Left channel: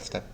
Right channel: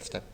Start.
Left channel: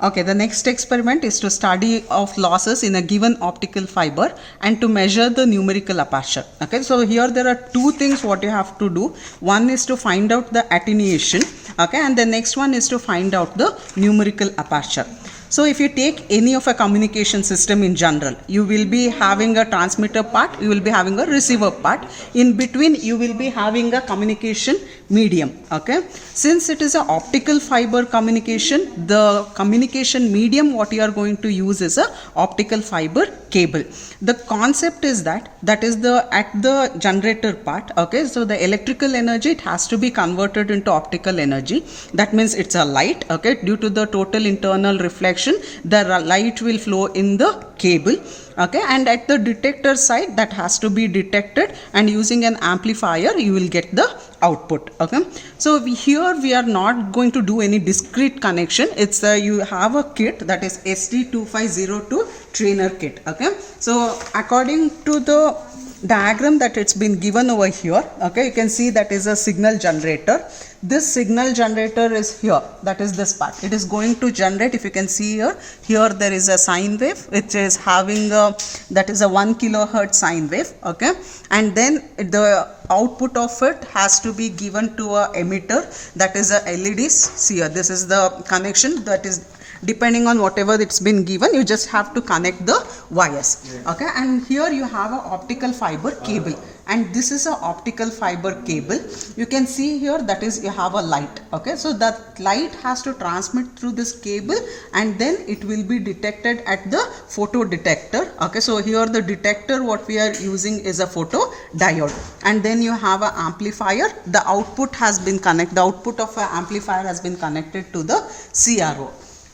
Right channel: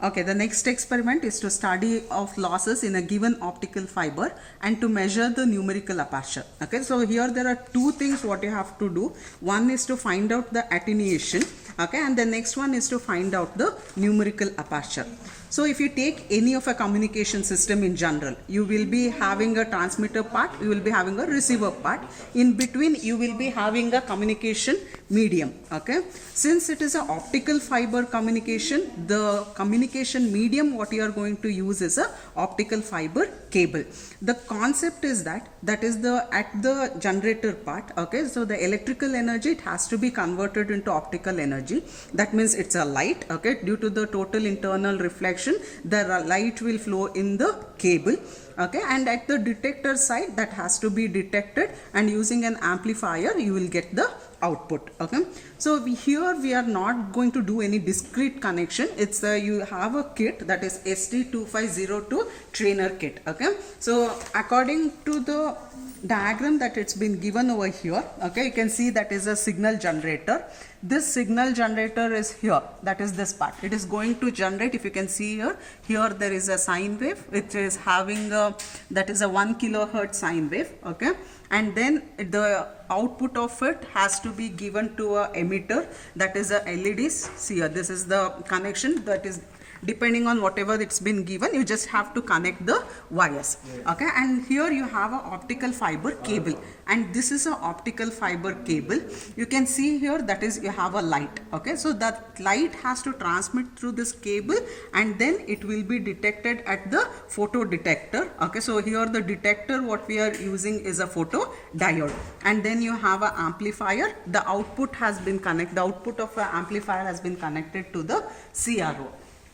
Okay, the next experiment is to study of losses in a given optical fiber and to measure the numerical aperture. Okay, so here there are two things what you have to do. One is to find out the attenuation, okay, and the next one is to find out the numerical aperture. So if you take any of a communication system in general, you will be having a transmitter part, you will be having a receiver part. In between, you will be having a communication medium. Okay. Since it is an optical fiber communication, the communication medium what you are going to use is a optical fiber cable. The concept is that is at the generator part. Okay. So the electrical energy, it has to be converted into optical energy. That means it's a light. Okay. Due to the total internal reflection, the light will flow in the cable. Okay, and at the detector side, that has to be detected, and using an amplifier you will get the output. Okay, so here we are not going to do any discrete connection. It's you have a kit, that is ST2502 trainer kit. Okay, so according to the diagram that it's been given over here, okay, you can see that is a signal generator. This signal generator is here, that is this part. It is going to generate, if you can see here there is a sine wave which is having that is a 1 kilohertz sine wave. Okay, and then the output of it has to be given to a emitter, that is a LEDs. See here, this is the connection, that is depending on whatever it's been given, you just have to connect the wires. Okay, and here you have an optical fiber cable, and this is an optical fiber cable. You can see here, that is you have a light. Okay, so that light has to transmit through this cable, and then it will be detected at the photo detector. Okay, so here the detector what we are using is a photo diode, and then you have an amplifier. The output has been connected, the output of an amplifier has been connected to the CRO.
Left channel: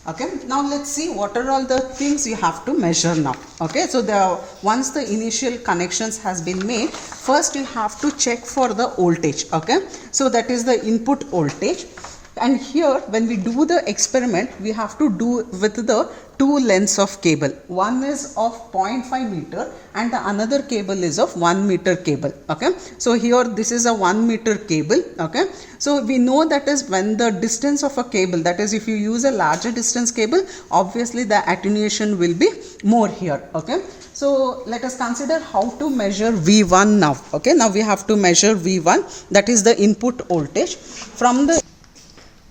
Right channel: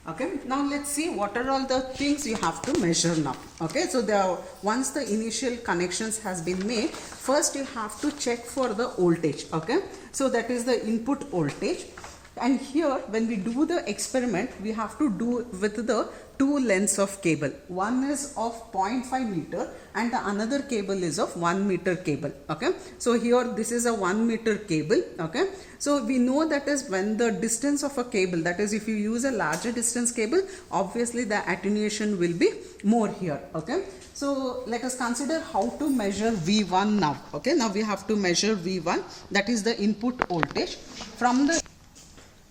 Okay, now let's see what are all the things you have to measure now. Okay, so once the initial connections has been made, first you have to check for the voltage. Okay, so that is the input voltage. And here when we do the experiment, we have to do with the two lengths of cable. One is of 0.5 meter and the another cable is of 1 meter cable. Okay, so here this is a 1 meter cable. Okay, so we know that is when the distance of a cable, that is if you use a larger distance cable, obviously the attenuation will be more here. Okay, so let us consider how to measure V1 now. Okay, now we have to measure V1, that is the input voltage from the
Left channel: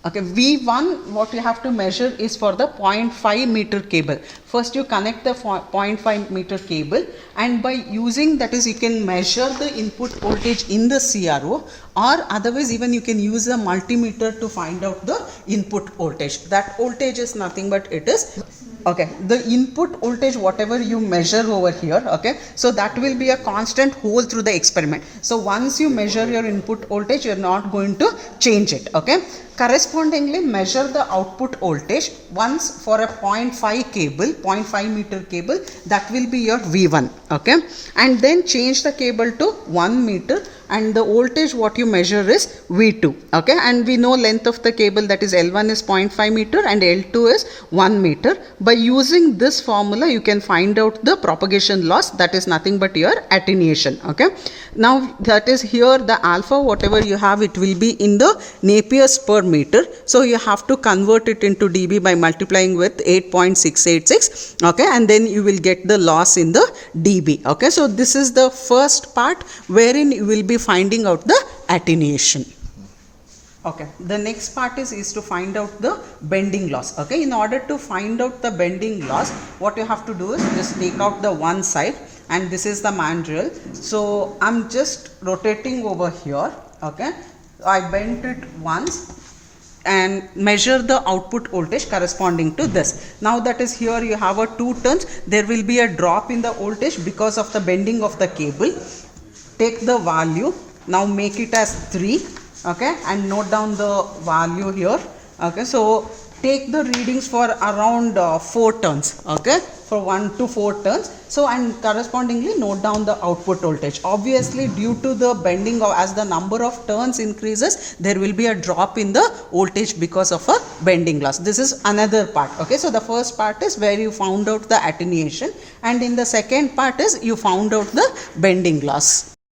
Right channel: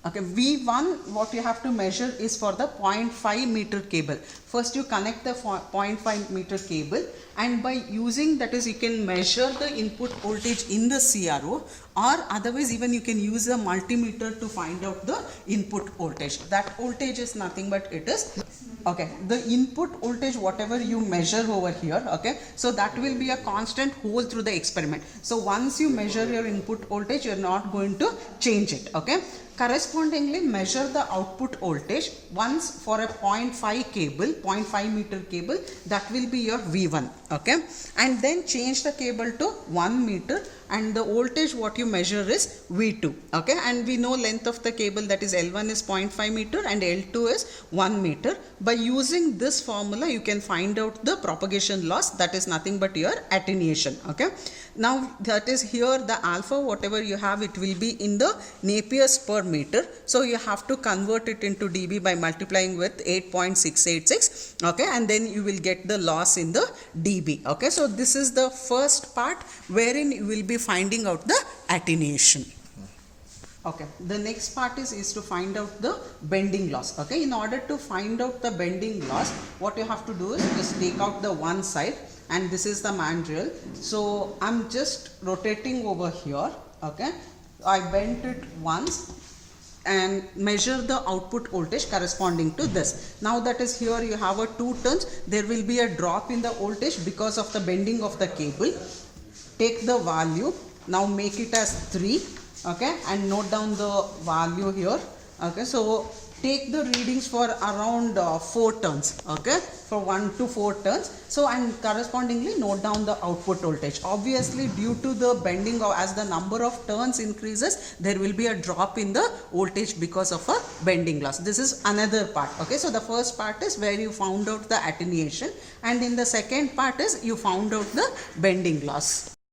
V1. What you have to measure is for the 0.5 meter cable. First you connect the 0.5 meter cable, and by using that is you can measure the input voltage in the CRO, or otherwise even you can use a multimeter to find out the input voltage. That voltage is nothing but it is the input voltage whatever you measure over here. Okay, so that will be a constant whole through the experiment. So once you measure your input voltage, you are not going to change it. Okay, correspondingly measure the output voltage once for a 0.5 cable, 0.5 meter cable, that will be your V1. Okay, and then change the cable to 1 meter, and the voltage what you measure is V2. Okay, and we know length of the cable, that is L1 is 0.5 meter and L2 is 1 meter. By using this formula you can find out the propagation loss, that is nothing but your attenuation. Okay, now that is here the alpha whatever you have, it will be in the Napier's per meter, so you have to convert it into dB by multiplying with 8.686. okay, and then you will get the loss in the dB. Okay, so this is the first part wherein you will be finding out the attenuation. Okay, the next part is to find out the bending loss. Okay, in order to find out the bending loss, what you have to do is just take out the one side, and this is the mandrel. So I'm just rotating over here. Okay, I bent it once and measure the output voltage corresponding to this. Now that is here you have a 2 turns, there will be a drop in the voltage because of the bending of the cable. Take the value, now make it as 3. Okay, and note down the value here. Okay, so take the readings for around 4 turns. Okay, for 1 to 4 turns. So and correspondingly note down the output voltage. Obviously due to the bending or as the number of turns increases, there will be a drop in the voltage because of a bending loss. This is another part. Okay, so the first part is where you found out the attenuation, and in the second part is you found out the bending loss.